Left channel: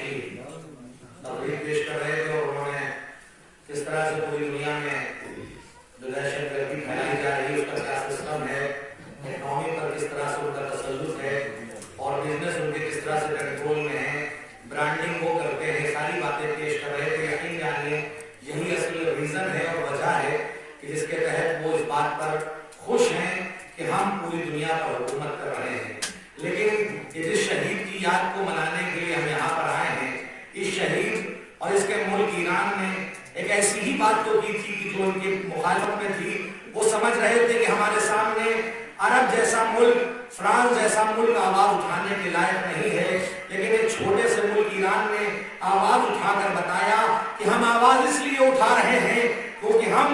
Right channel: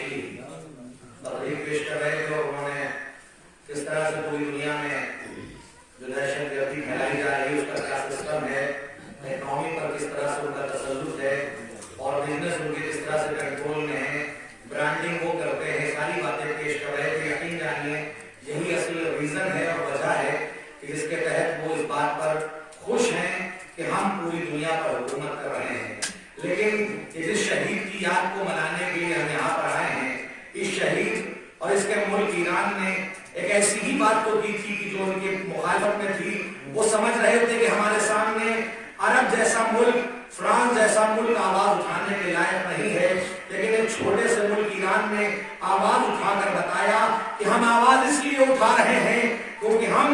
अच्छी तकरीर पेश कर रहे थे और उन्होंने किस तरह से पूरी दुनिया में जो दहशतगर्दी फैलाई जा रही है उसका क्या सिस्टम है, इकोनॉमी पर किस तरह से उनका तसल्लुत है और बिजनेस उनके किस तरह से कंट्रोल में है, ब्रांडिंग वो करते हैं, सारी बातें पेश कर रहे थे। यकीन जानिए यही असल रीजन है और वजह है कि जिसके तहत वो इस बात पर खुश हैं कि हम पूरी दुनिया पर हुकूमत कर रहे हैं। लेकिन इस शहीद की याद को मनाने के लिए हम यहाँ पर आए हैं। इस शहीद और इसके मुल्क ईरान ने एक ऐसी ही बात तो की थी कि जो उनके मुखालफत में थी। वो समझ रहे थे कि हमारे सामने अरब जैसा मुल्क, फ्रांस जैसा मुल्क आवाज उठाने के लायक नहीं है, लेकिन एक छोटे से मुल्क ईरान ने आवाज उठाकर बताया कि हम आवाज इसलिए उठा रहे हैं क्योंकि हम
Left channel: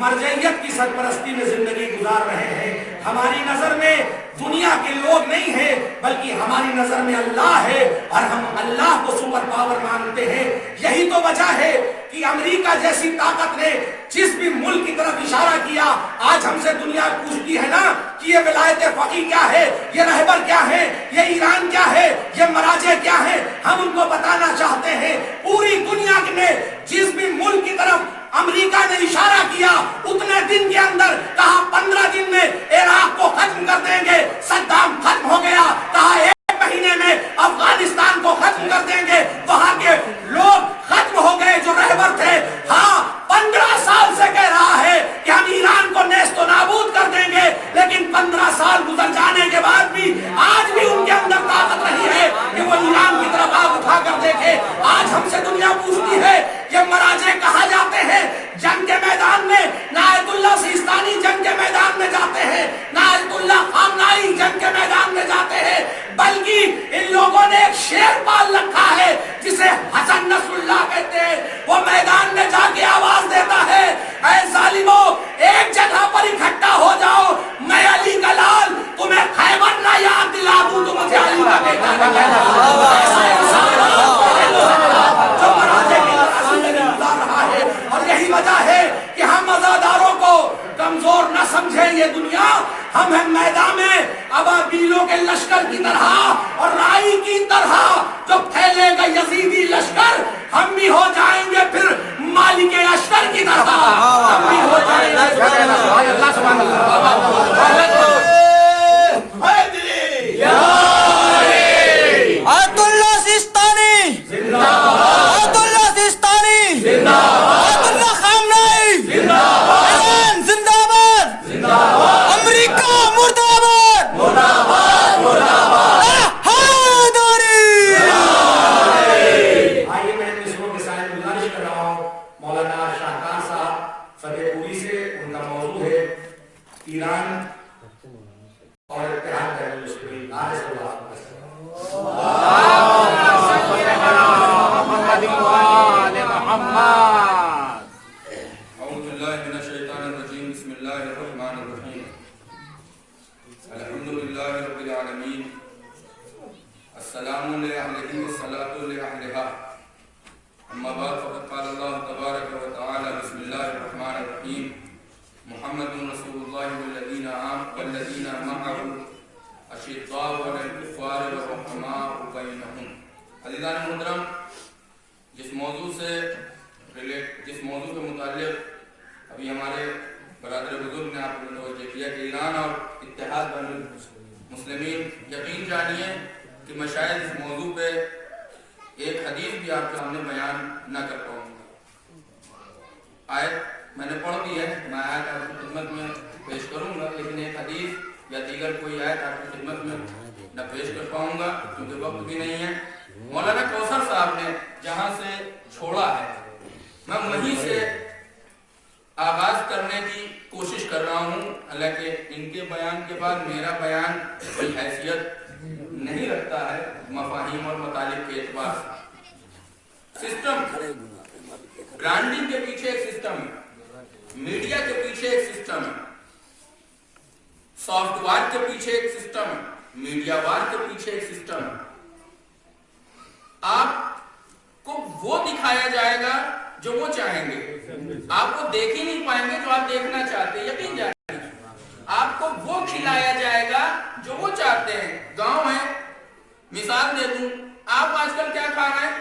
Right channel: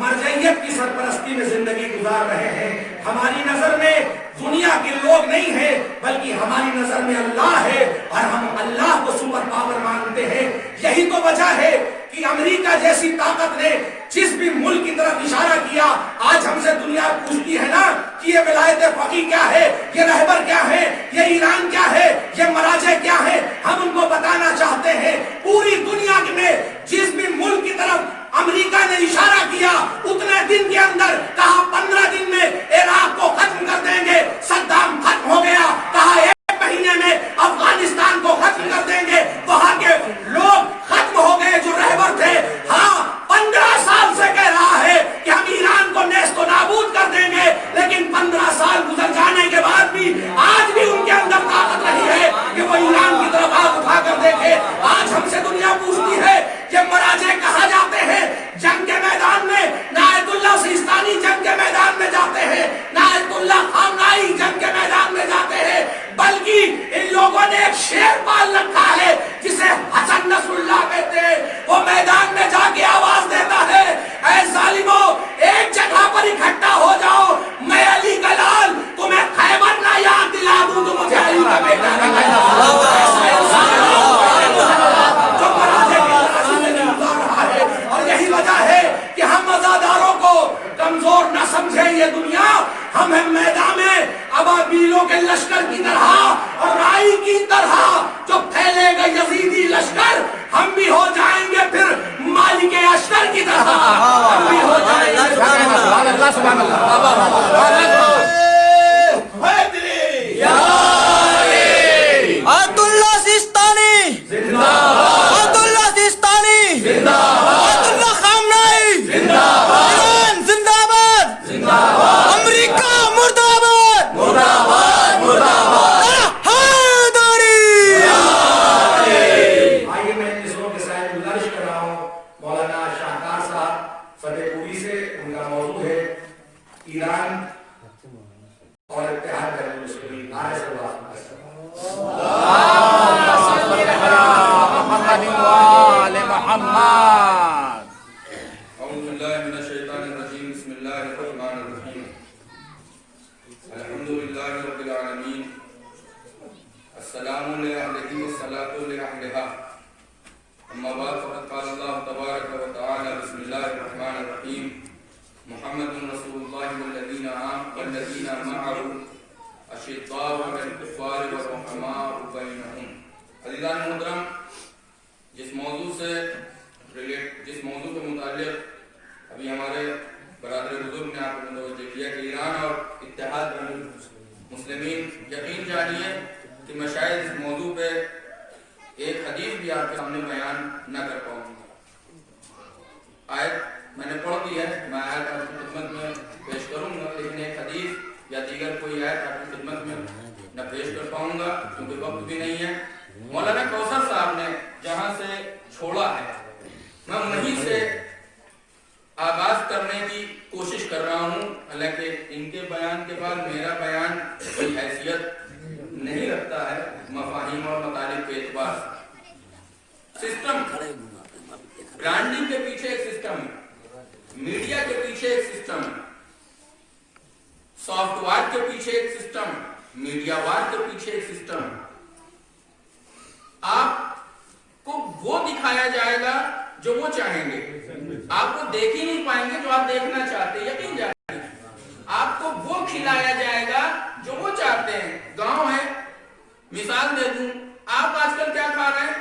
मरजइयत की सरपरस्ती में जिंदगी गुजार रहे हैं। हमारी नजर में दुनिया के लोग नहीं है बल्कि हमारी नजर में अल्लाह है और हम अल्लाह को सुपर पावर मानते हैं। यही तो वजह है कि अमेरिका जैसी ताकत ने जिस भी मुल्क की तरफ इशारा किया, आज हमसे दुनिया पूछती है ना कि ये विलायत फकी क्या है, ये रहबर क्या है, ये ईरान क्या है, ये मराजे क्या है, हम उनको बताना चाहते हैं। पूरी दुनिया में जिस भी मुल्क की तरफ अमेरिका ने इशारा किया, उतने दिन के अंदर कहा 15 दिन में इराक को खत्म कर देंगे, सद्दाम खत्म हो गया, कहा 1 महीने में अफगानिस्तान को खत्म कर देंगे, वहां के लोग खत्म हो गए जो रहबर थे। हाँ, 15 साल से कह रहा है कि हम ईरान को नेस्तो नाबूद कर देंगे, लेकिन 15 साल गुजर जाने के बाद भी आज भी उनके अंदर ताकत नहीं है कि वो ईरान की तरफ आग उठा कर देखे। आज हमसे दुनिया पूछती है ये मराजे कहा जाते हैं जंग के मैदान में, ना आयतुल्लाह सिस्तानी जंग के मैदान में जाते हैं, ना आयतुल्लाह खामनाई जंग के मैदान में जाते हैं, बल्कि इन लोगों ने एक शेर पाल रखा है जिसे हसन नसरुल्लाह कहते हैं। वो मैदान में जाके आवाज देता है, ऐ जालिमों एक जगह पर इकट्ठा हो जाओ, मैं अली का लाल तुम्हें खैबर ना याद दिला दूं तो मुझे अली का बेटा ना कहना। ऐसा इंसान जो मराजे की जिंदगी गुजार रहा है। और यही वजह है कि हम अज़ादारों को कमजोर न समझें ये दुनिया। हम हैं मैदान में अबाबीलों के लश्कर की तरह और राई की तरह जो फैलेगा यजीदी लश्कर, हम भी हो जाएंगे फिर मालिक अश्तर की तरह, हम भी हो जाएंगे। अब्दुल्ला सिस्तानी जिंदाबाद, अब्दुल्ला सिस्तानी जिंदाबाद, अब्दुल्ला खामनाई जिंदाबाद, ईरान जिंदाबाद जिंदाबाद, अमेरिका मुर्दाबाद मुर्दाबाद मुर्दाबाद, हैदरी। आइए मैं इन मिसरों के साथ गुजारिश कर रहा हूँ मौलाना शाहकार साहब फतेहपुरी से। उनका मौजूद है ईरान और इत्तेहाद बैनुल मुस्लिमीन। जिस मौजू के मुतालिक अभी हमारे बरादर बुजुर्ग ने आपको तवज्जो किया कि ईरान और इत्तेहाद बैनुल मुस्लिमीन, यकीन जानिए कि मैं शायद इस मौजू पे एक हदीस भी आपके सामने बयान न कर पाऊंगा। आयत मैंने पढ़ दी है, मैं आयत आपकी खिदमत में पेश करूंगा, लेकिन एक हदीस या दीगर कोई आयत आपकी खिदमत में न पेश कर पाऊंगा क्योंकि वक्त भी नहीं है। मौलाना कौसर साहब ने जहां से छोड़ा है मैं वहीं से आगाज करने की कोशिश कर रहा हूं। हालांकि इनके बयान के बाद मेरा बयान कोई हैसियत नहीं रखता है मफाहिम और मतालिब के एतबार से। सिस्टम, ब्रांडिंग के पीछे एक सिस्टम है, मीडिया के पीछे एक सिस्टम है, सॉफ्टवेयर के पीछे एक सिस्टम है, मीडियावार के पीछे एक सिस्टम है। आपको वो दिखाया जाएगा जो वो चाहेंगे, आपको देख ही नहीं पाएंगे जो आप देखना चाहते हैं। यकीन जानिए आपको वो खिलाया जाएगा जो वो चाहते हैं। गांव है, मिसाल दे दूं, आप आजकल क्या खा रहे हैं?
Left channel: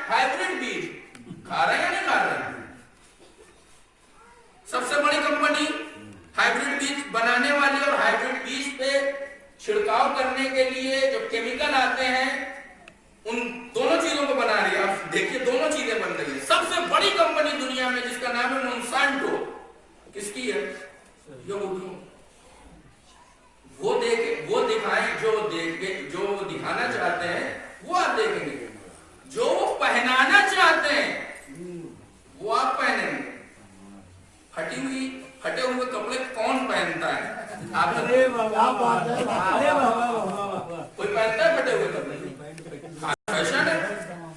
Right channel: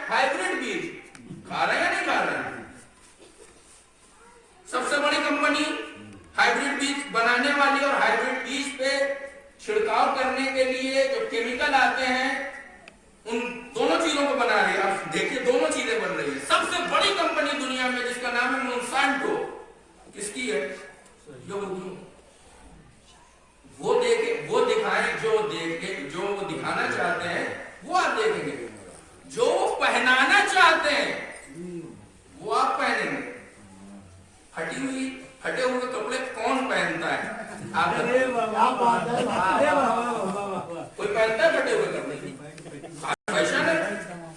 हैं उन दोनों चीजों को बना रही है। आप देखिए दोनों चीजें बन रही है। सबसे बड़ी कंपनी दुनिया में जिसका नाम है मोनसांटो, किसकी है? यहूदियों। वो दिखाएं जो दिखाना चाहते हैं वो आप देखेंगे, जो वो पहनाना चाहते हैं वो आप पहनेंगे। फटे हुए कपड़े कौन पहनता है? आप कोई पहनता है फटे हुए कपड़े? फैशन है।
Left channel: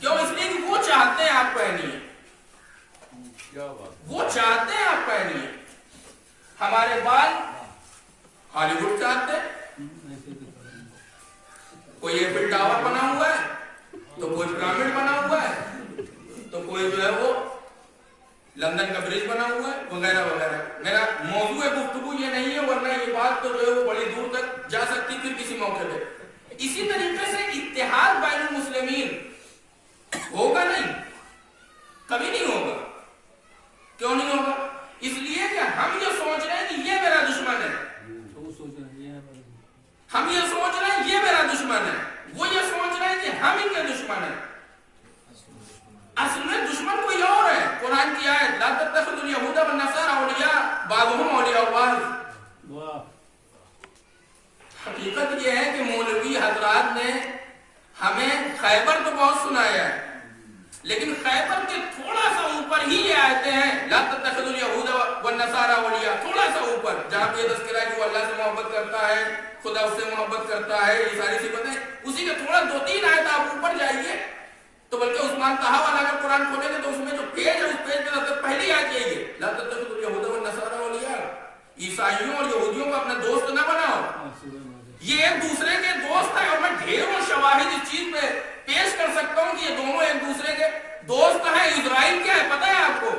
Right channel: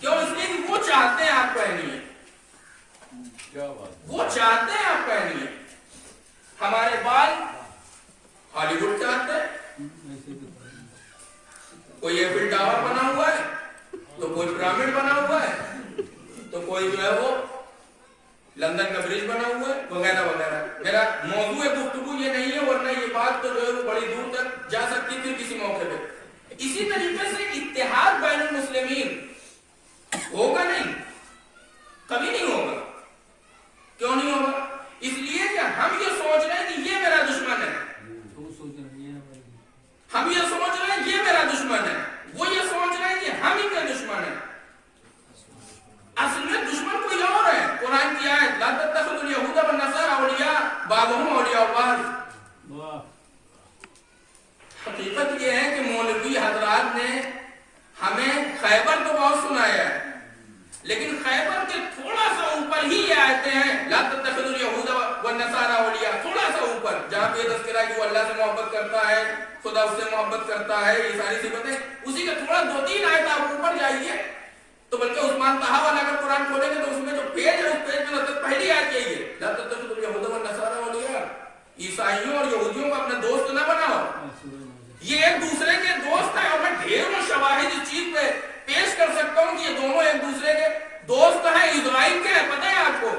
क्यों? इसलिए कि वो चाहते हैं आप पहनिए, वो चाहते हैं आप पहनिए। हमारे बाल हॉलीवुड चाहते हैं, कोई एफिल टावर बना हुआ है, तो कोई पिरामिड बना हुआ है, तो कोई जो है वो लंदन का ब्रिज बना हुआ है, वगैरह वगैरह। मेरा मौजूद गुफ्तगू ये नहीं है, वरना ये बात तो जो है वो बड़ी दूर तक जा सकती थी किसी मौके पे। इसी तरीके से इत्तेहाद बैनुल मुस्लिमीन होगा नहीं, कभी नहीं होगा। क्यों नहीं होगा? इसलिए कि हम ये सोच रहे हैं कि ये मेरा दुश्मन है, हम ये सोच रहे हैं ये मेरा दुश्मन है, वो ये सोच रहे हैं कि हम इनके दुश्मन है। असल में दुश्मन कोई और है। कुरान की आयत ला तत्तखिज़ुल यहूदा वन नसारा औलिया बाज़ुहुम औलिया बाज़। हकीकत ये है कि मौलवी हजरात ने हमें खैबर तो बहुत सुनाया है, लेकिन खैबर के थोड़ा सा ऊपर ही ये आयतें हैं ला तत्तखिज़ुल यहूदा वन नसारा औलिया, थोड़ा सा ऊपर, जहां पे तज़किरा है कि वो अल्लाह से मोहब्बत करता है, खुदा उससे मोहब्बत करता है, ये सारी सिफतें। उसी के थोड़ा 2-3 आयत आप ऊपर जाइए तो बल्कि उस्मान ताहा वाला अगर कुरान खोलेंगे तो उसमें जो पेज है उस पेज में सबसे पहली आयत यही है ला तत्तखिज़ुल यहूदा वन नसारा औलिया। ईसाइयों और यहूदियों को अपने दोस्त ना बनाओ, ये एक दूसरे के दोस्त है। और मैं ढेरों शवाहिद इस चीज पे पेश कर सकता हूं कि ये दोनों एक दूसरे के दोस्त हैं। इजराइल क्या है पता है आपको?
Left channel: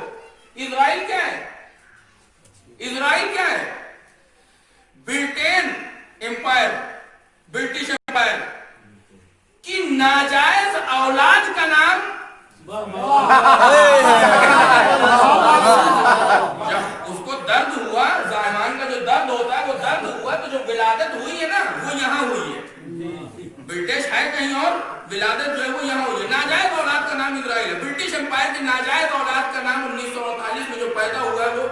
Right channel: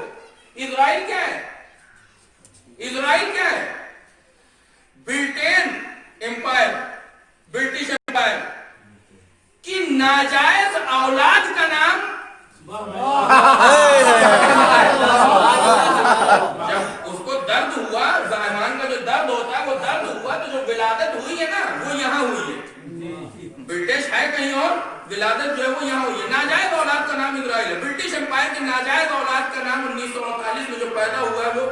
इजराइल क्या है? इजराइल क्या है? ब्रिटेन एम्पायर, ब्रिटिश एम्पायर की नाजायज औलाद का नाम। जब उसको दर्द हुआ, ज़ायमान का जो दर्द होता है वो दर्द हुआ, तो जो विलादत हुई है ना वो यहाँ हुई है। ब्रिटिश है कहीं और, विलादत जो है वो यहाँ हुई है। नाजायज औलाद का नाम इजराइल है। ब्रिटिश एम्पायर की नाजायज औलाद का नाम 1939 में जो पैदा हुआ है वो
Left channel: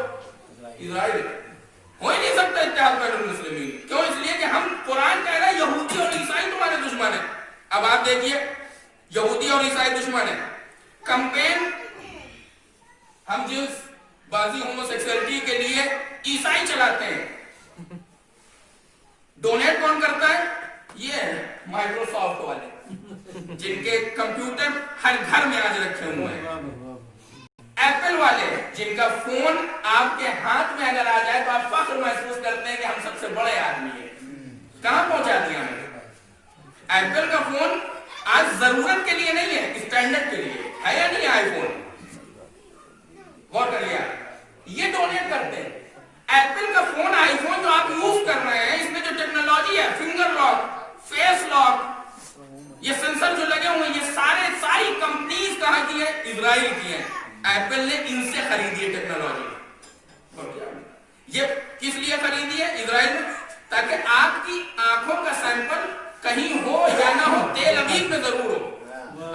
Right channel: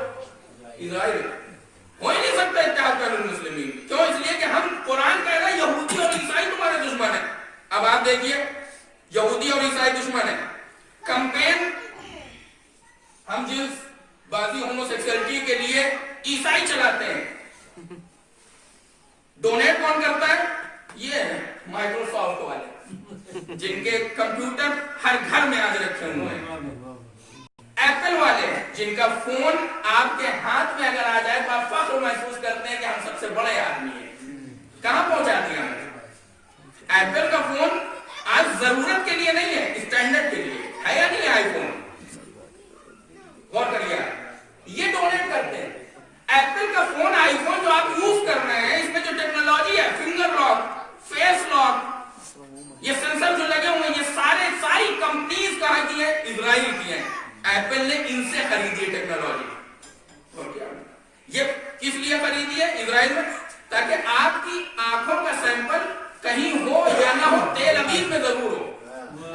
इजराइल। हो ही नहीं सकता इत्तेहाद बैनुल मुस्लिमीन। क्यों? इसलिए कि हम कुरान कह रहे हैं यहूदी और ईसाई तुम्हारे दुश्मन है। अब आप देखिए, यहूदी और ईसाई दुश्मन है। कैंपेन हम जिस बाजी होमोसेक्सुअलिटी के लिए ईसाई चलाते हैं, डोनेट कौन करता है? ये है माइक्रोसॉफ्ट वाले, जिनके कंप्यूटर हर घर में आज रखे हुए हैं। एप्पल वाले, जिनका फोन आपके हाथ में अगर आ जाए तो आप फख्र महसूस करते हैं कि हम सबसे बड़े आदमी हैं। कहां पहुंचा दिया हमने? एप्पल का फोन आज जरूरत के लिए नहीं है, स्टैंडर्ड के लिए है या नहीं? आईफोन गौर करिए, ये डोनेट करते हैं। एप्पल का फोन, आईफोन जो आप यूज कर रहे हैं, इसमें जो टेक्नोलॉजी है, फिंगर लॉक, फेस लॉक, ये सेंसर जो लगे हुए हैं, ये सारी कंपनीज कहां की है? इजराइल की है। एप्पल ने इनसे खरीदी है टेक्नोलॉजी। और क्या ये किस लिए खरीदी है इजराइल में? ताकि आपकी आंखों का सैंपल कहीं हो या ना हो, तेल अवीव में जरूर हो।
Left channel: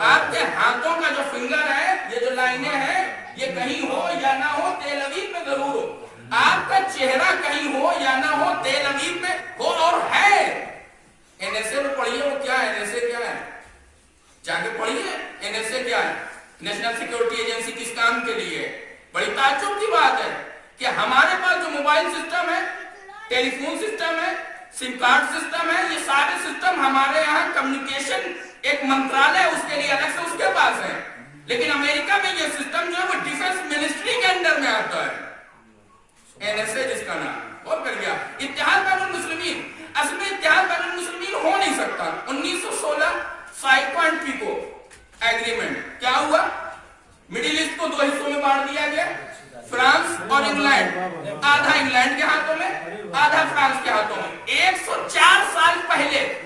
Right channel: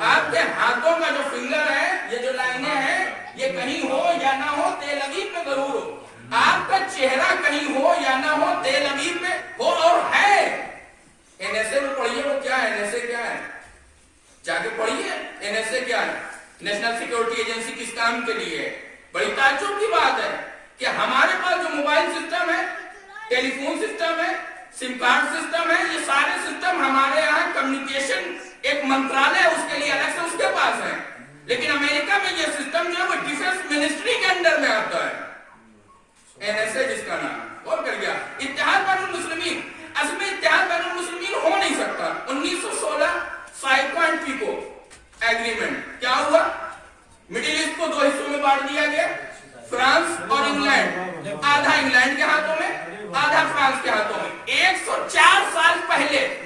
आपके हाथों का जो फिंगर है, ये जो लाइनें हैं, ये कहीं हो या ना हो, तेल अवीव में जरूर हो। आपका चेहरा कहीं हो या ना हो, तेल अवीव में हो और है। एनएसए में पढ़िए वो क्या है, एनएसए क्या है, जाके पढ़िए एनएसए क्या है। नेशनल सिक्योरिटी एजेंसी किस काम के लिए है? बड़ी ताज्जुब की बात है कि हमारे पास जो मोबाइल सिस्टम है, टेलीफोन सिस्टम है, सिम कार्ड सिस्टम है, ये सारे सिस्टम हमारे यहाँ कम्युनिकेशन एक मंत्रालय है उसके लिए अलग से उसके पास है। लेकिन अमेरिका में ये सिस्टम जो है वो डिफेंस मिनिस्ट्री के अंडर में आता है, एनएसए जिसका नाम। और कर गया इत्तेहाद बैनुल मुस्लिमीन। असल में इत्तेहाद बैनुल मुस्लिमीन हो नहीं सकता। 1916 साइको एंड पीको एग्रीमेंट क्या हुआ? मिडिल ईस्ट को 2 हिस्सों में बांट दिया गया, फ्रांस और इंग्लैंड। आधा इंग्लैंड के हाथों में, आधा फ्रांस के हाथों में। 104 साल पहले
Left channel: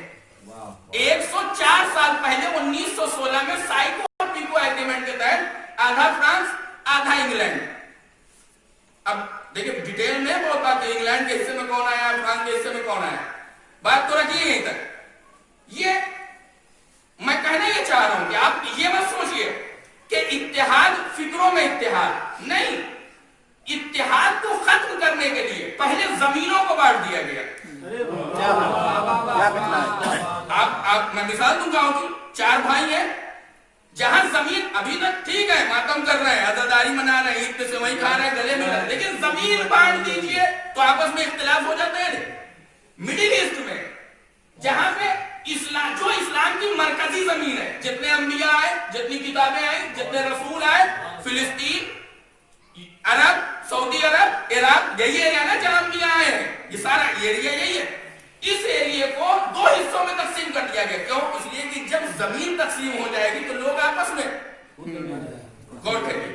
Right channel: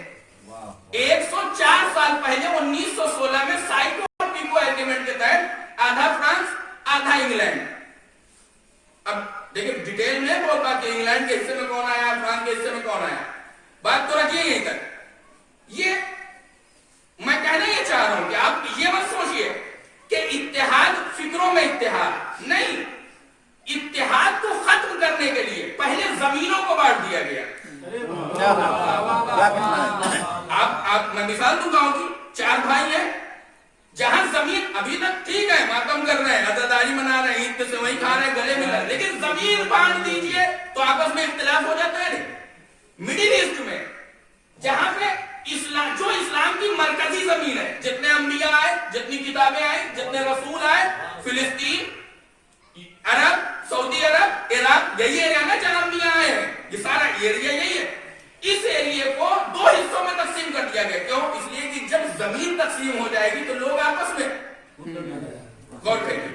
1916 में साइको और पीको एग्रीमेंट के तहत आधा फ्रांस आधा इंग्लैंड। अब देखिए डिटेल में बहुत बात है, इंग्लैंड के हिस्से में कौन आया, फ्रांस के हिस्से में कौन आया, बात तो रखिए यहीं तक। ये मैं कहना ये चाह रहा हूं कि आप ये मत सोचिए कि इत्तेहाद फिक्रों में इत्तेहाद नहीं, इत्तेहाद को खत्म करने के लिए पहले जमीनों को बांट दिया गया। आप मैं मिसाल दूं गांव की, 4 भाई हैं, जहां जमीन अभी तक ठीक है, मातम कर रहे हैं, अज़ादारी मना रहे हैं, ईद के सेवई खा रहे हैं, गले मिल रहे हैं, लेकिन जमीन बांट दीजिए तो आपस में इख्तिलाफ हो जाता है। मिडिल ईस्ट में जहां पे इस्लाम की मरकजी जमीन है, जितने अंबिया आए, जितनी किताबें आई, जितने रसूल आए, फिलिस्तीन, अरब, सऊदी अरब, इराक, यही एरिया ना जहां अंबिया आए हैं, ये सारा एरिया यही है। इस एरिया को 2 हिस्सों में तकसीम कर दिया गया। क्यों? इसलिए कि जब जमीन तकसीम हो जाएगी तो लोग आपस में गौर करिए,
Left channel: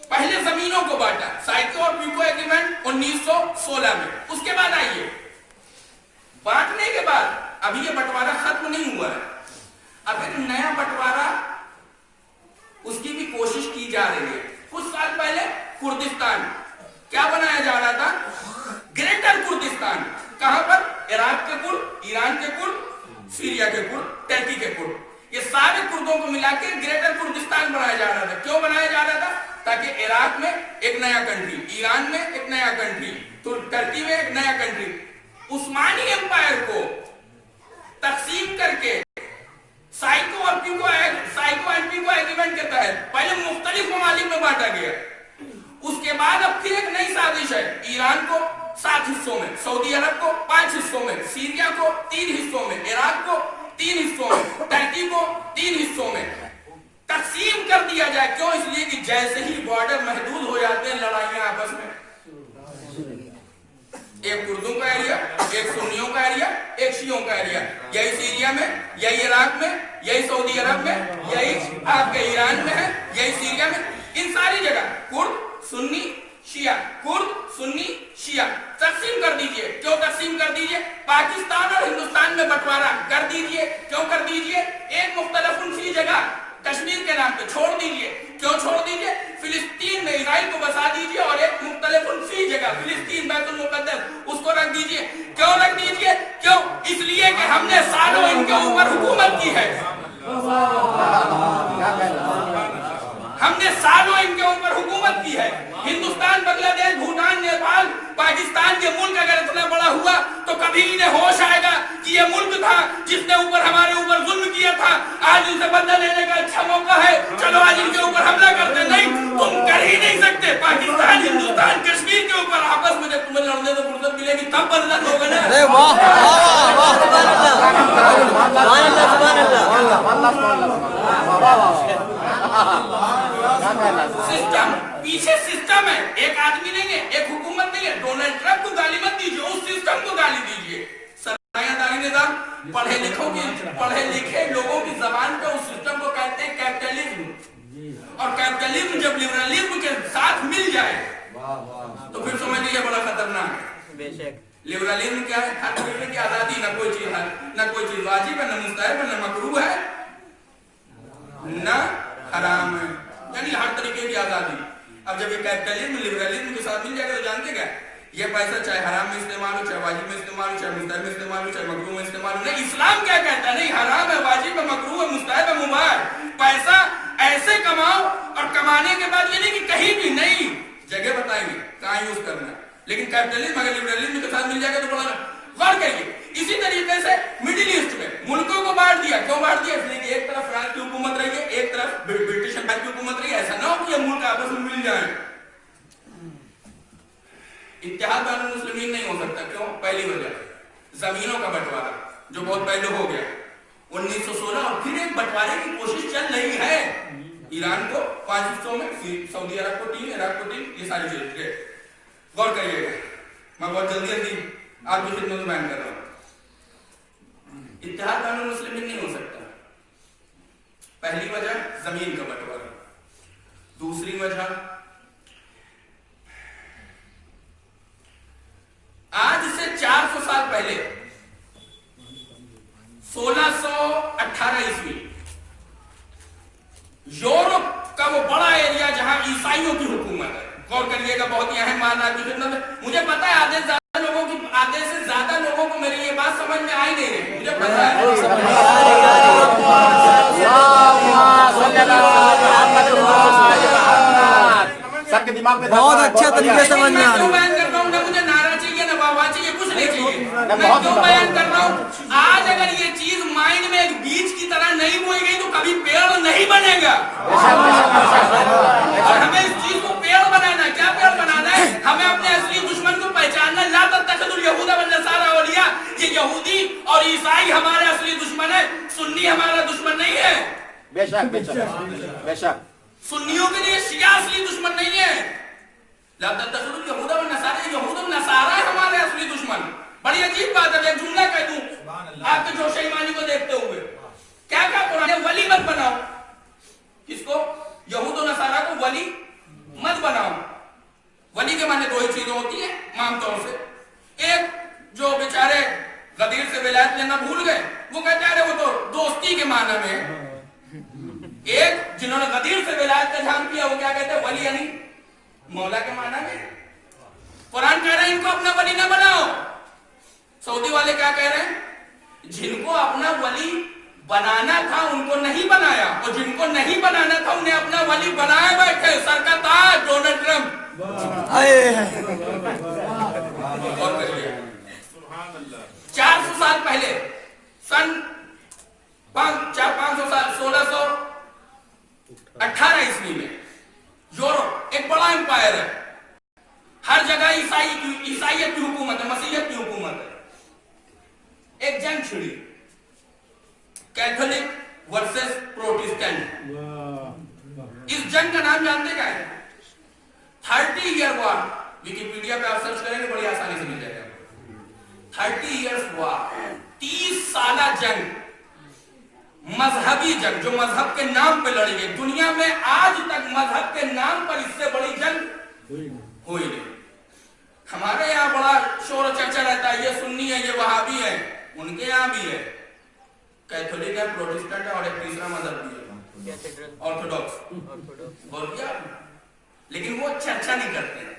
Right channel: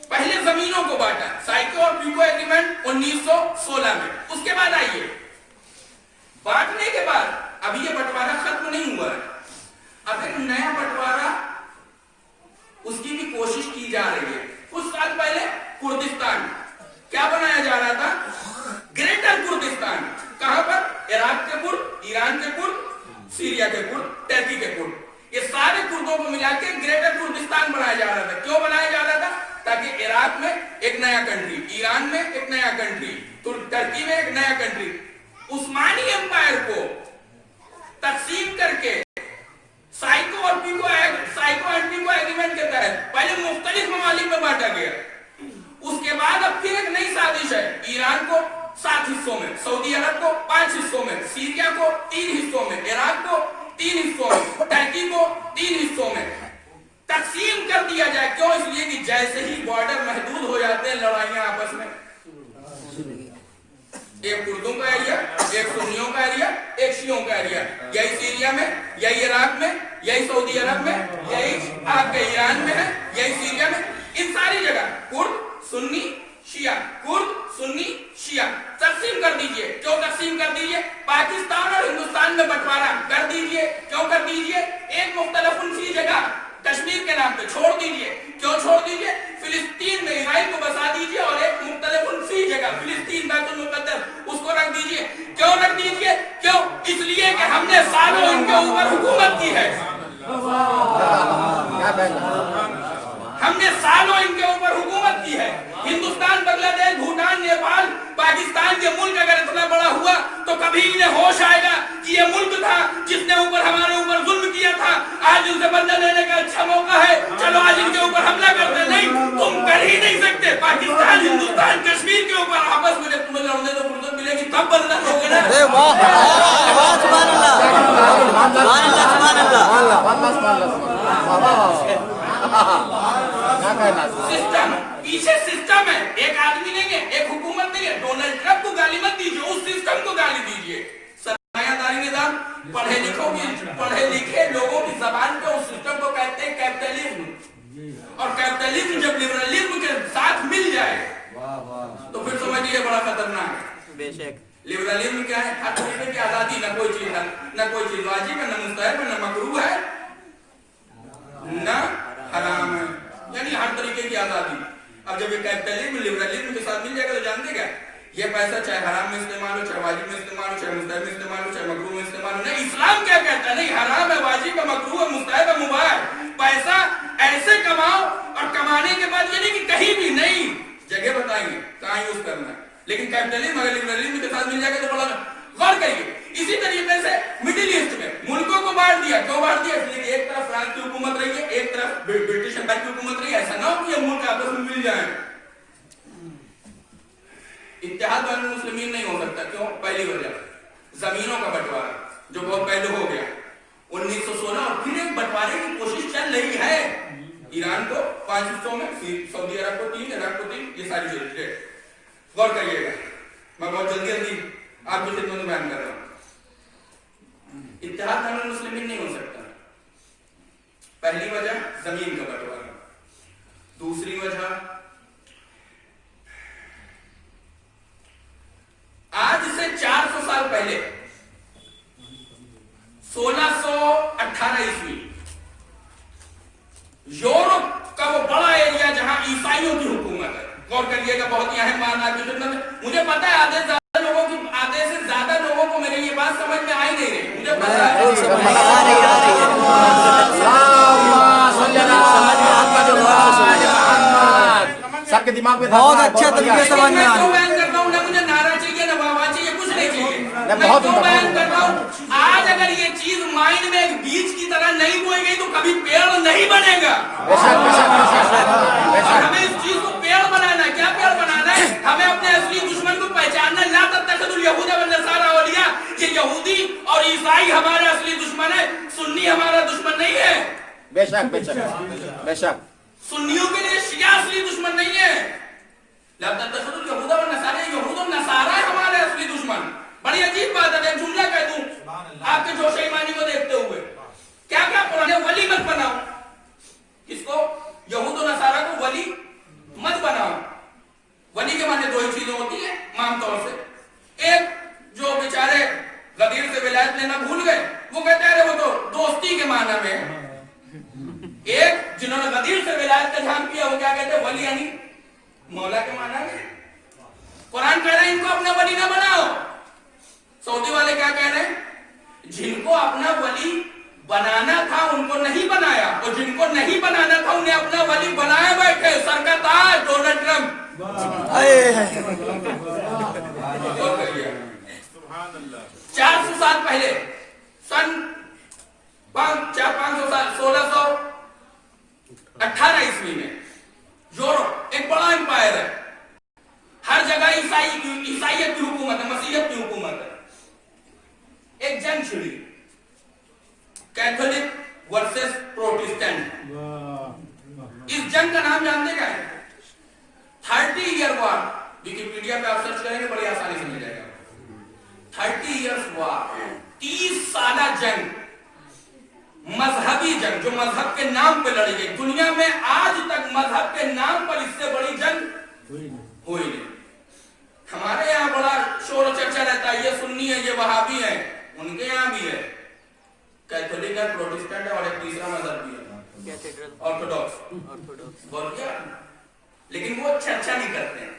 पहले जमीनों को बांटा, साइको और प्यूको एग्रीमेंट 1916 में। उसके बाद आइए, बांटने के बाद अभी ये बंटवारा खत्म नहीं हुआ है, अब एक नया बंटवारा उसकी भी कोशिश की जा रही है। कुछ साल पहले कुर्दिस्तान क्या बनाया जा रहा था? Greater Kurdistan. कहां पर? इराक के कुर्द, ईरान के कुर्द, सीरिया के कुर्द, टर्की के कुर्द, ये सारे कुर्दों को मिला के ग्रेटर कुर्दिस्तान बनाया जा रहा था। क्यों बनाया जा रहा था? ताकि इराक में एक नया कंट्री, ईरान में एक नया कंट्री, टर्की में एक नया कंट्री, उस्मानी एम्पायर को तकसीम करके साइको और पीको एग्रीमेंट के तहत पहले मुख्तलिफ ममालिक में बांटा गया। उसके बाद अब फिर एक नई साजिश है, ईरान को 7 हिस्सों में, सऊदी अरब को 5 हिस्सों में, सीरिया को 3 हिस्सों में, इराक को 3 हिस्सों में, टर्की को 3 हिस्सों में तकसीम कर दिया जाए। क्यों? इसलिए कि जैसे ही बॉर्डर महदूद हो जाते हैं, लड़ाइयां आपस में, एक कुर्दों का एरिया, एक सुन्नियों का एरिया, एक शियों का एरिया, यही सीरिया में, यही इराक में, यही सऊदी अरब में, यही आपके ईरान में है, यही सीरिया में, इन सारी जगह कुर्द, सुन्नी, शिया, कुर्द, सुन्नी, शिया तकसीम कर दीजिए। क्यों तकसीम कर दीजिए? पाकिस्तान और हिंदुस्तान में बंटवारा कर दीजिए। क्यों कर दीजिए? एक मुख्तलिफुन फी जगह कश्मीर के नाम पे छोड़ दीजिए। क्यों छोड़ दीजिए? फिलिस्तीन में इजराइल को बसा दीजिए और एक मुख्तलिफुन फी जगह फिलिस्तीन बैतुल मुक़द्दस उसको रख दीजिए। क्यों रख दीजिए? क्यों? इसलिए कि हमने सालों इनके ऊपर हुकूमत की है, हमने सालों इनके ऊपर हुकूमत की है। हिंदुस्तान, बांग्लादेश, भूटान, नेपाल, पाकिस्तान के मुल्क अगर इतना बड़ा हुआ तो कभी इन्हें होश आएगा कि ये मुल्क था जिसने ऊपर हमारे ऊपर जुल्म किया था, आज उनसे बदला लेने का अच्छा मौका है, चलो आज इनके ऊपर हमला करते। नहीं, तुम कर ही नहीं सकते। पाकिस्तान, हिंदुस्तान, कश्मीर के ऊपर आपस में जब तुम्हें लड़ने को फुर्सत मिलेगी तब बदला दोगे ना। अरे वाह वाह वाह, सुभान अल्लाह, सुभान अल्लाह। सिस्टम, पीछे सिस्टम है, एक आदमी नहीं है, एक हुकूमत नहीं है। डोनाल्ड ट्रंप को गाली मत दीजिए, उस सिस्टम को गाली दीजिए। सरमायादारी निजाम, पढ़े लिखे लोगों की जबान पे उस सिस्टम को कहते हैं कैपिटलिज्म। और कैपिटलिज्म जब लिबरलिज्म के साथ मिल जाए तो फिर समझ लीजिए बड़ा खतरनाक है। लिबरलिज्म क्या है? हर तरीके की आजादी, न कोई चीज वाजिब है, न मुस्तहब है, न मकरूह है, न हराम है, यानी हर तरीके की आजादी। अब जब ये कैपिटलिज्म लिबरलिज्म के साथ मिल जाएगा तो जानते क्या, ये पैसा चाहे हराम में इस्तेमाल हो, चाहे वाजिब में इस्तेमाल हो, चाहे मुस्तहब में इस्तेमाल हो, चाहे मकरूह में इस्तेमाल हो। नहीं, इस्लाम क्या कहता है? नहीं, हराम है, वाजिब है, मकरूह है, मुस्तहब है, मुबाह है। पैसा ऐसे कमाओ और कमाने के बाद ये नहीं कि कहीं भी नहीं जगह बताएंगे कहाँ यूज करना है। लेकिन कैपिटलिज्म अगर लिबरलिज्म के साथ मिल जाएगा तो बड़ा गौर करिए। इसी तरीके से मिडिल ईस्ट में मुल्कों को बांट दिया। क्यों बांट दिया? इसलिए कि एक तरफ फ्रांस की हुकूमत रही है, एक तरफ ब्रिटिश एम्पायर की हुकूमत रही है। ऐसा ना हो कि ये मुल्क आपस में मिल जाए। इत्तेहाद बैनुल मुस्लिमीन नहीं हो सकता। क्यों? पहली वजह जमीनों का बंटवारा जो बहुत पहले हो गया 1916, और फिर एक बंटवारे की कोशिश चल रही है। ईरान को 5 हिस्सों में, सऊदी अरब को 3, इराक को 3, ये सारी चीजें गौर करिएगा। मैं बहुत जल्दी आपकी खिदमत में बयान कर रहा हूं। इत्तेहाद बैनुल मुस्लिमीन नहीं हो सकता। पहली वजह जमीन का बंटवारा। दूसरी वजह, आज से 400 साल पहले 1618 ईस्वी यूरोप का वो बड़ा एरिया जहां ईसाइयों की हुकूमत है, गौर करिएगा, बहुत ही अहम मान आपकी खिदमत में। मुझे पता है आधे से ज्यादा लोगों को मेरी ये बात समझ में आ ही नहीं रही, मुझे पता है। सबके दिमाग में बहुत अच्छा तरीके से समझ में आ क्यों रहा है। बयान कर रहा हूँ? ना मुझे नारा चाहिए ना वाह चाहिए, कुछ नहीं चाहिए। मैं क्यों बयान कर रहा हूँ? आज अगर ये चीज माइंड में एक बीज की तरह नहीं बोई गई तो कभी पेड़ नहीं बनेगा। और हमें इस चीज को पेड़ बनाना है। क्या पेड़ बनाना है? हमें अपने असली दुश्मन को पहचानना। ला तत्तखिज़ुल यहूदा वन नसारा औलिया, ये यहूदी और ईसाई हमारे असली दुश्मन है, सुन्नी हमारा दुश्मन नहीं है। बेशक बेशक बेशक सुन्नियों के लिए शिया असली दुश्मन नहीं है। ला तत्तखिज़ुल यहूदा वन नसारा, यहूद और नसारा है हमारे असली दुश्मन। बड़ी अजीब बात है। एक जुमला कह दूं आपके जोश ईमानी को देखते हुए, क्या क्या पुराने वली मत बनाओ। किसको? यहूद और नसारा को वली मत बनाओ। वली के माने दो ही चीजें होती है आम तौर से। एक जो बेचारे गदीर से विलायत लेना भूल गए, वो कहते हैं अरे वो तो दोस्ती के माना में है। एक जिन्होंने गदीर से विलायत का ध्यान किया, वो क्या कहते हैं? वली यानी मौला के माना में। कुरान कह रहा है इनको अपना वली ना बनाओ। सऊदी वाले क्या कह रहे हैं? जिनको अपना वली बनाना था उनको नहीं बनाया, और जिनको नहीं बनाना था उन्हें अपना वली बनाया बैठे। सरकत आज डोनाल्ड ट्रम्प। और कहिए 400 साल पहले, सन 500 साल 1618 ईस्वी में यूरोप एक बड़ा एम्पायर है। हर जगह ईसाइयत की हुकूमत है, मसीहत की हुकूमत है। एक जंग छिड़ी, कैथोलिक वर्सेस प्रोटेस्टेंट। इस जंग का नाम जानते क्या है? 30 ईयर वॉर। विकिपीडिया पे आप सर्च करेंगे बड़ी आसानी से मिल जाएगा। 30 इयर्स वॉर, 30 साल जंग, मजहबी जंग जो मजहब के नाम पे लड़ी गई। दुनिया में आज तक मजहब के नाम पर इससे बड़ी जंग हुई नहीं। हमारे यहाँ बड़ा शोर चर्चा रहता है, ये सुन्नी है, ये वहाबी है। उनके यहाँ भी है, कैथोलिक है, प्रोटेस्टेंट है, और एक तीसरा मजहब भी है, ऑर्थोडॉक्स। बोल दिया। लेकिन वो चर्चा नहीं करते हैं,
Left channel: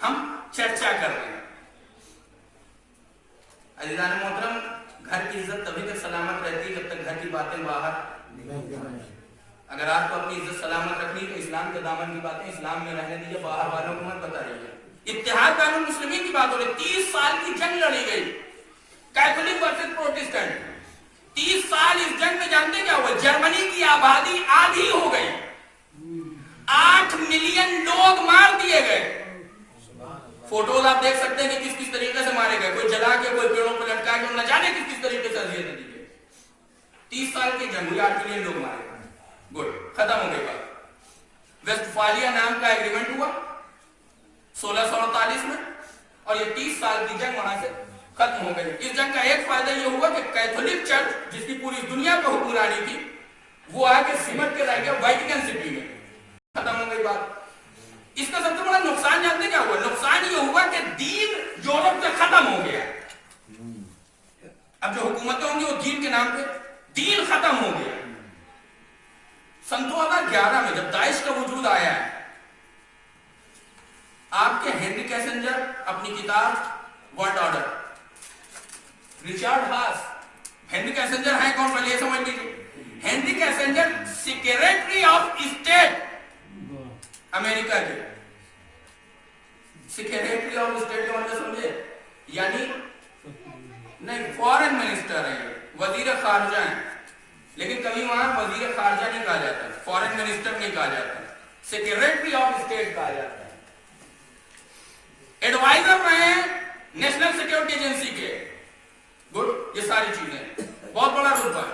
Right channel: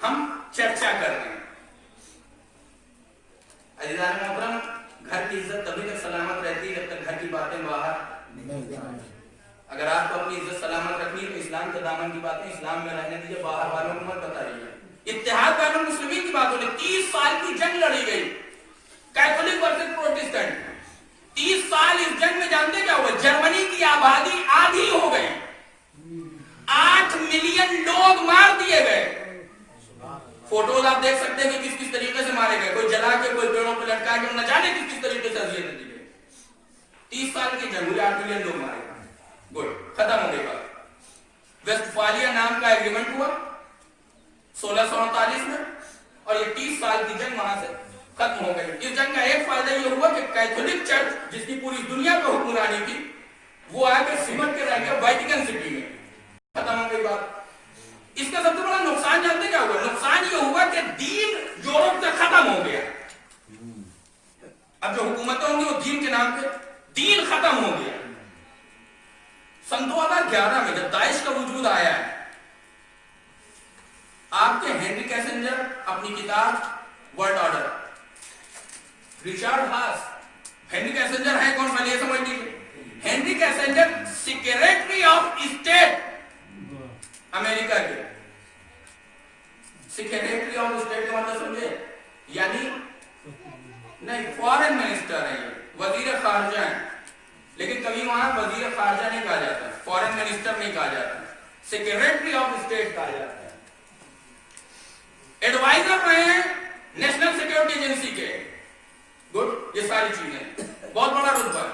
हम चर्चा कर रहे हैं। अज़ीज़ान मोहतरम, घर की इज्जत तभी तक सलामत रहती है जब तक घर की बातें बाहर। अगर आपको अपनी इज्जत सलामत रखनी है तो इस्लाम के दामन की बातें इस्लाम में रहने दीजिए, बाहर वालों को मत बताइए। इत्तेहाद बैनुल मुस्लिमीन की बात हो रही। 30 साल की जंग लड़ी गई, कैथोलिक वर्सेस प्रोटेस्टेंट। 30 साल इस जंग में जानते क्या हुआ? जर्मनी की आबादी आधी हो गई, 8 मिलियन लोग मार दिए गए। फोटोज आप देख सकते हैं कि किस किस तरीके से मारे गए, कोई जला के, कोई पेड़ों पे लटका के, न जाने किस किस तरीके से अजियत दी गई। 30 साल की जंग हुई, 8 मिलियन लोग मारे गए। गुड, खत्म हो गई बात। वेस्टफालिया नाम का एग्रीमेंट हुआ 1639 में, और ये 30 साल की जंग वहां से खत्म हो गई। इस जंग का एक फायदा ये हुआ कि कैथोलिक चर्च, जिसकी पूरी दुनिया पर हुक्मरानी थी, वो आके सिमट के रह गया वेटिकन सिटी में। खत्म हो गई बात। इसका सबसे बड़ा नुकसान जानते क्या हुआ? नुकसान ये हुआ कि दीन यूरोप से खत्म हो गया। अब जो हुकूमतें होंगी वो दीन के नाम पे, दीन खत्म हो गया। सन 2011 में जब दाइश का वजूद आया है, आपके हेनरी कैसेंजर अपनी किताब वर्ल्ड ऑर्डर, रिचर्ड हास, हेनरी कैसेंजर है कौन? पहले ये समझ लीजिए। Henry Kissinger secretary of state America के। सेक्रेटरी ऑफ स्टेट का मतलब समझे? यानी नहीं, फॉरेन मिनिस्टर है, वजीर खारजा है। लेकिन कभी वहां वजीर खारजा नहीं कहा जाता, फॉरेन मिनिस्टर नहीं कहा जाता, सेक्रेटरी ऑफ स्टेट कहा जाता है। एडवाइजर रहे हैं नेशनल सिक्योरिटी एजेंसी के। गुड, ये सारी चीजें बहुत बड़ा रुतबा है।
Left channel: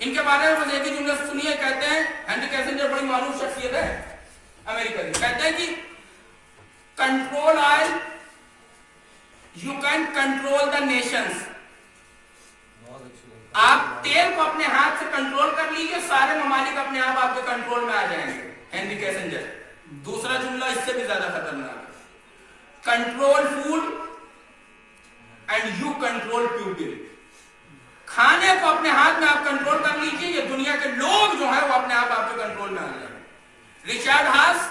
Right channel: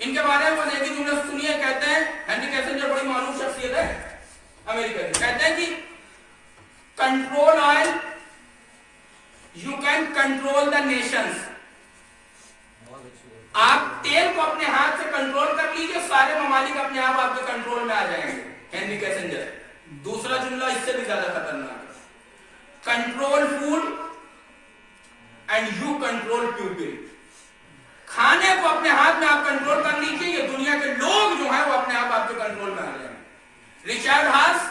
इनके बारे में एक ही जुमला सुनिए, कहते हैं हेनरी कैसेंजर बड़ी मालूम शख्सियत है अमेरिका की। कहते हैं कि control oil, you can control the Nations. आप तेल को अपने हाथ से कंट्रोल कर लीजिए, सारे ममालिक अपने आप आपके कंट्रोल में आ जाएंगे। Henry Kissinger. दूसरा जुमला इससे भी ज्यादा खतरनाक है, control food and you control people. खाने को अपने हाथ में आप कंट्रोल कर लीजिए, ये दुनिया के लोग जो हैं वो अपने आप आपके कंट्रोल में आ जाएंगे। रिचर्ड हास,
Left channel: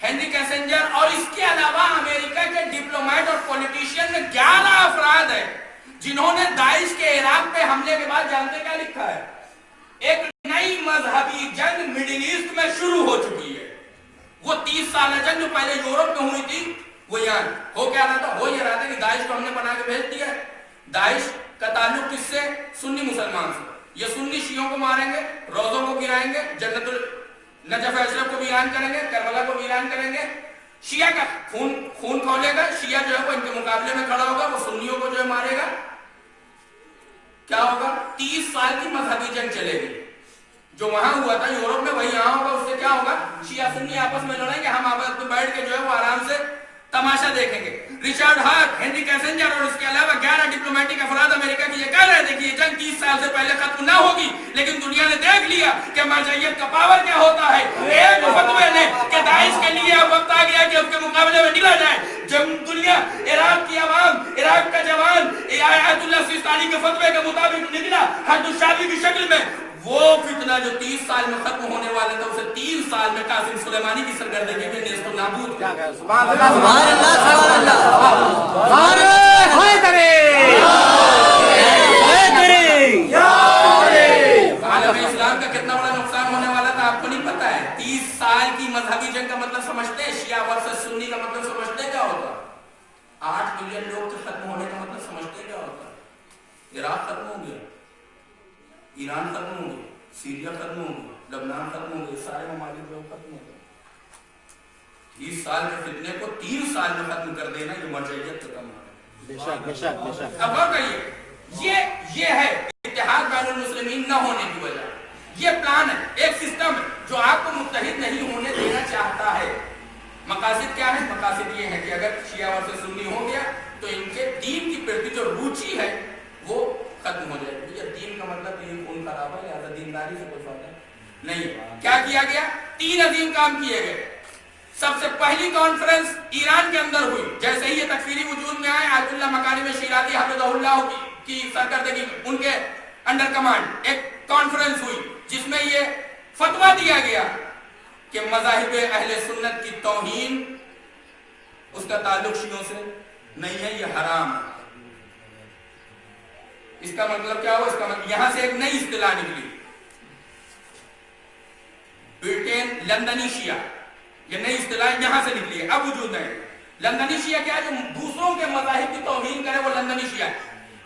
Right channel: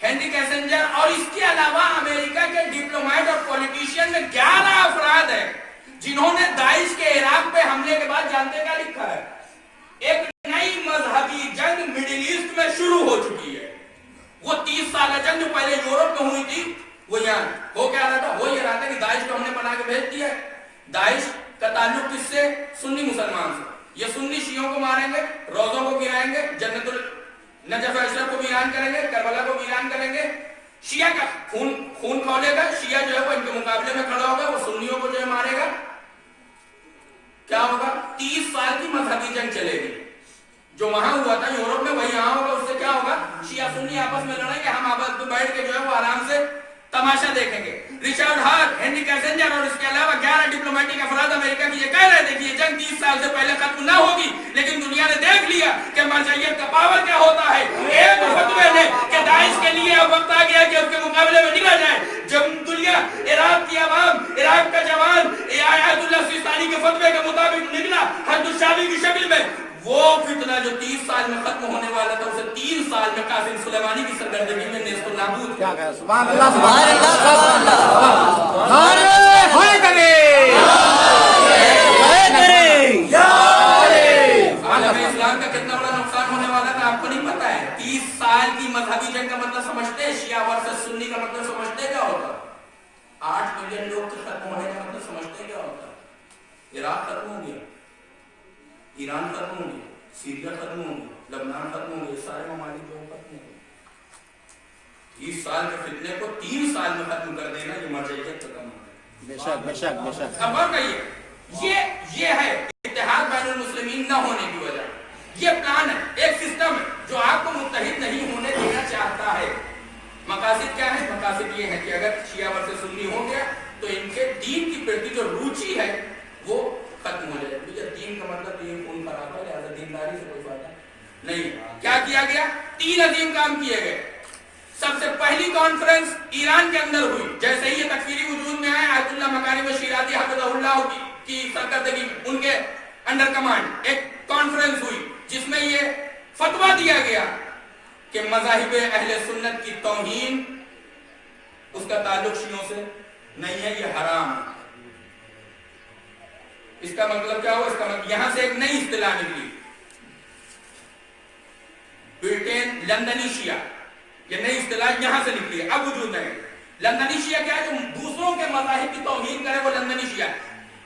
हेनरी कैसेंजर और इसके अलावा अमेरिका के डिप्लोमेट और पॉलिटिशियन में 11 अफराद हैं जिन्होंने दाइश के इराक पे हमले के बाद जानते क्या लिखा है, एक नई मजहबी जंग मिडिल ईस्ट में शुरू हो चुकी है। वो 30 साल जंग जो पहले यूरोप में हुई थी, वो यहाँ हो क्या रहा था, हो ये रहा था कि दाइश को हमने बना के भेज दिया। दाइश का ताल्लुक किससे, सुन्नी मुसलमान से। ये सुन्नी शियों को मारेंगे, रोजों को गिराएंगे, जन्नतुल नजफ अशरफ को वीरान करेंगे, करबला को वीरान करेंगे, शिया का खून खौलेगा, शिया जो है वो इनके मुकाबले में खड़ा होगा, वो सुन्नियों को जो है मारेगा। क्या होगा, 30 साल की मजहबी जंग चलेगी। जो वहां हुआ था यूरोप में वही यहां होगा। उससे क्या होगा, शिया सुन्नी आपस में लड़ेंगे, हम आपस में बैठ के जो है वो आराम से तमाशा देखेंगे। रिचर्ड हार्ट, हेनरी कैसेंजर और इसके अलावा 11 डिप्लोमेटिक अफराद अमेरिका की ये कह रहे थे कि ये जंग 30 साल से पहले खत्म ना होगी, लेकिन दुनिया ने देख लिया कि मरजइयत का पावर क्या होता है। एक फतवे ने कि दाइश के लिए अब वक्त आ गया कि उसके मुकाबले में निकला जाए। जब दुनिया, इराक की आवाम, इराक का जवान आयतुल्लाह सिस्तानी के फतवे के मुताबिक निकला हद्दुशाबी की शक्ल में, वो फितना जो 30 साल में खत्म होने वाला था, उसे 3 साल में कासिम सुलेमानी की सरगर्दगी में नेस्तो नाबूद किया गया। सुभान अल्लाह, सुभान अल्लाह, होए करे आलम इस्लाम का कितना बड़ा नुकसान होने वाला था आपको नहीं पता है। 30 साल की मजहबी जंग का मतलब समझते हैं, शिया वर्सेस सुन्नी का मतलब समझते हैं क्या होता, 8 मिलियन लोग के खत्म होने का मतलब समझते हैं क्या होता। इराक खत्म हो गया, ईरान खत्म हो गया, सीरिया खत्म हो गया, लबनान खत्म हो गया, सारे ममालिक जो खत्म हो गए। 30 साल के फितने को 3 साल में खत्म कर देना, ये मरजइयत का काम है। बेशक बेशक बेशक। अब और कहिए, ये है इत्तेहाद बैनुल मुस्लिमीन न होने की वजह। ये प्लान है, एक सिस्टम है जो आपको मुत्तहिद नहीं होने देना चाहता है। मकासद क्या है, मकासद ये है कि अगर शिया वर्सेस सुन्नी हो गया तो इनके दीन की प्रति जो रुचि है वो खत्म हो जाएगी। भैया दीन का मतलब ये खून खराबा है, लिहाजा दीनदारी से कोई फायदा नहीं। क्या किया गया, 3 अजीम काम किए गए। सबसे पहली कॉन्फ्रेंस ईरान के अंदर हुई। जैसे ही ये तकफीरी वजूद में आए, आयतुल्लाह मकारिम शिराती हफिज़हुल्लाह की सरकर्दगी, उनके अंडर कमांड एक कॉन्फ्रेंस हुई जिसमें ये फतवा दिया गया कि मज़ाहिब अहले सुन्नत की तौहीन, उसका ताल्लुक शियों से नहीं है, ये हराम है। इसका मतलब क्या हुआ, इसका मतलब यहां से एक नई इस्तिलाह निकली, ब्रिटेन लंदनी शिया, ये नई इस्तिलाह यहां से निकली है, अब वजूद में है। लंदनी शिया क्या है, जो दूसरों के मज़ाहिब की तौहीन करे, वो लंदनी शिया है।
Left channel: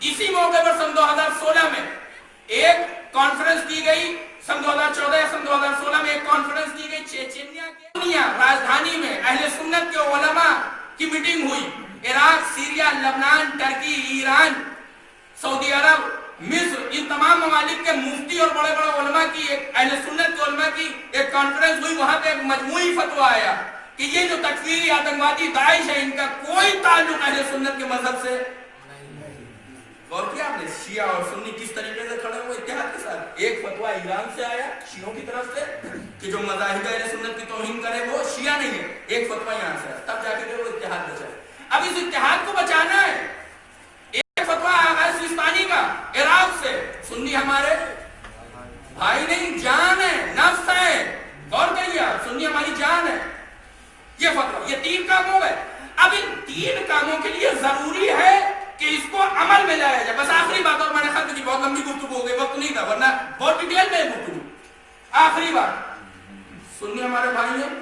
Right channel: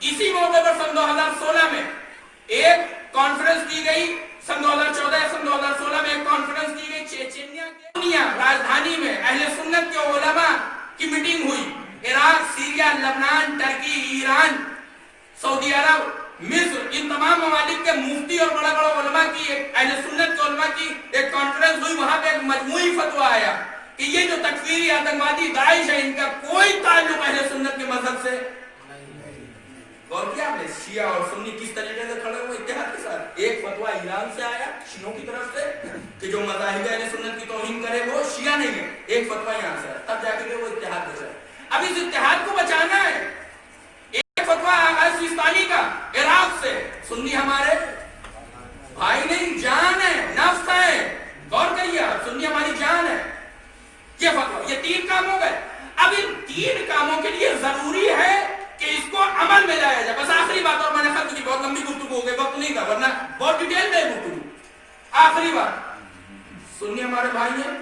इसी मौके पर सन 2016 में एक कॉन्फ्रेंस की गई, सन 2014 या सन 2016 में एक कॉन्फ्रेंस की गई चेचन्या के राजधानी में। अहले सुन्नत के उलमा की मीटिंग हुई। इराक, सीरिया, लबनान, टर्की, ईरान, सऊदी अरब, मिस्र, इन तमाम ममालिक के मुफ्ती और बड़े बड़े उलमा की, एक अहले सुन्नत के उलमा की एक कॉन्फ्रेंस हुई। वहां पे एक मजमूई फतवा आया कि ये जो तकफीरी आतंकवादी दाइश है, इनका कोई ताल्लुक अहले सुन्नत के मजहब से गौर किया आपने, शिया और सुन्नी किस तरीके से खड़े हुए इत्तेहाद के साथ। एक फतवा ईरान से आया शियों की तरफ से कि जो मज़ाहिब अहले सुन्नत की तौहीन करे वो शिया नहीं है, एक फतवा यहां से, तब जाके वो इत्तेहाद बचा। अब इस इत्तेहाद को बचाना है। एक फतवा आगाज सिस्तानी का इराक से, सुन्नी हमारे भाई नहीं, जान है, नफ्स है, गौर करिए आप, सुन्नी हमारी जान है। ये फतवा, ये 3 काम हो गए। अब इन 3 कामों के लिए जरूरी है कि इसको अमल में लाया जाए। बस आखिरी बात, और मैंने खत्म की, बहुत लंबी गुफ्तगू हो गई, वक्त नहीं था, वरना बहुत डिटेल में गुफ्तगू। आखिरी बात, सुन्नी हमारे भाई हैं,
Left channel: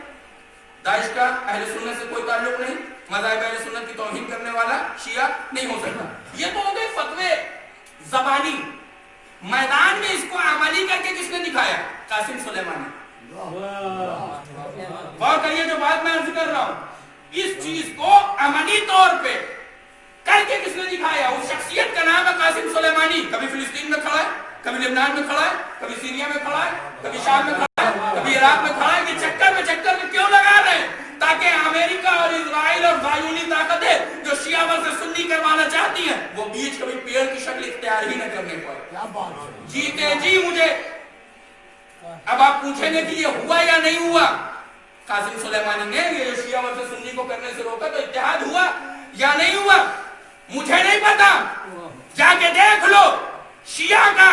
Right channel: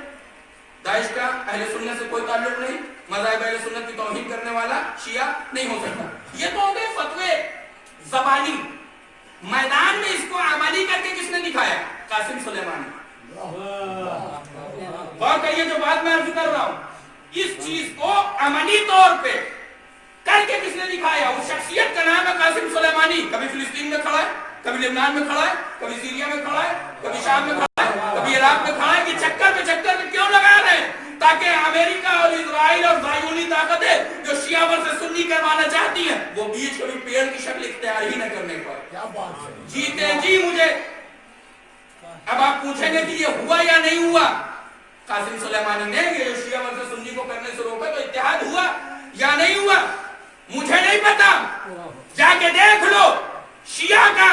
दाइश का अहले सुन्नत से कोई ताल्लुक नहीं, मज़ाहिब अहले सुन्नत की तौहीन करने वाला शिया नहीं हो सकता। ये तो हो गए फतवे ज़बानी। मैदान में इसको अमली करके किसने दिखाया, कासिम सुलेमानी। और कहिए जो बात मैं अर्ज कर रहा हूं, इस चीज को अमली तौर पे करके किसने दिखाया, उस शख्सियत का नाम है कासिम सुलेमानी। कभी फिलिस्तीन में खड़ा है, कभी लेबनान में खड़ा है, कभी सीरिया में खड़ा है, कभी शाम में खड़ा है, कभी इराक में खड़ा है। कि चक्कर में क्यों लगा रहे हैं, ताकि अमेरिका और इजराइल और ज़ायोनी ताकतें जो शिया वर्सेस सुन्नी करवाना चाहती हैं, वो बीच कभी पेड़ की शक्ल इख्तियार ही न करने पाए। जीते जी मुझे। अब आप पूछेंगे कि ये हुआ या नहीं हुआ। कासिम सुलेमानी ने ये जो शिया वर्सेस सुन्नी को करने से रोका, तो इत्तेहाद हुआ या नहीं हुआ मुझे नहीं पता, जाके देख लो। शिया का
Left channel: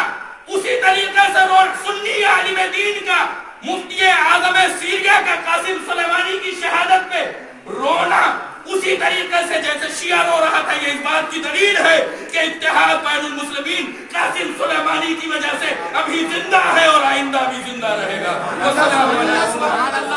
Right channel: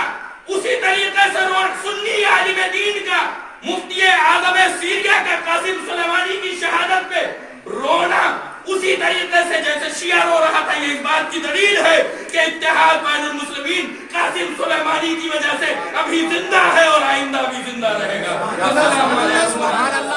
उसी तरीके से सुन्नी आलिम दीन का, मुफ्ती आज़म सीरिया का कासिम सुलेमानी की शहादत पे रोना उसी तरीके से जैसे शिया रो रहा था, ये इस बात की दलील है कि इत्तेहाद बैनुल मुस्लिमीन कासिम सुलेमानी की वजह से अभी जिंदा है और आइंदा भी जिंदा रहेगा। अस्सलाम वालेकुम।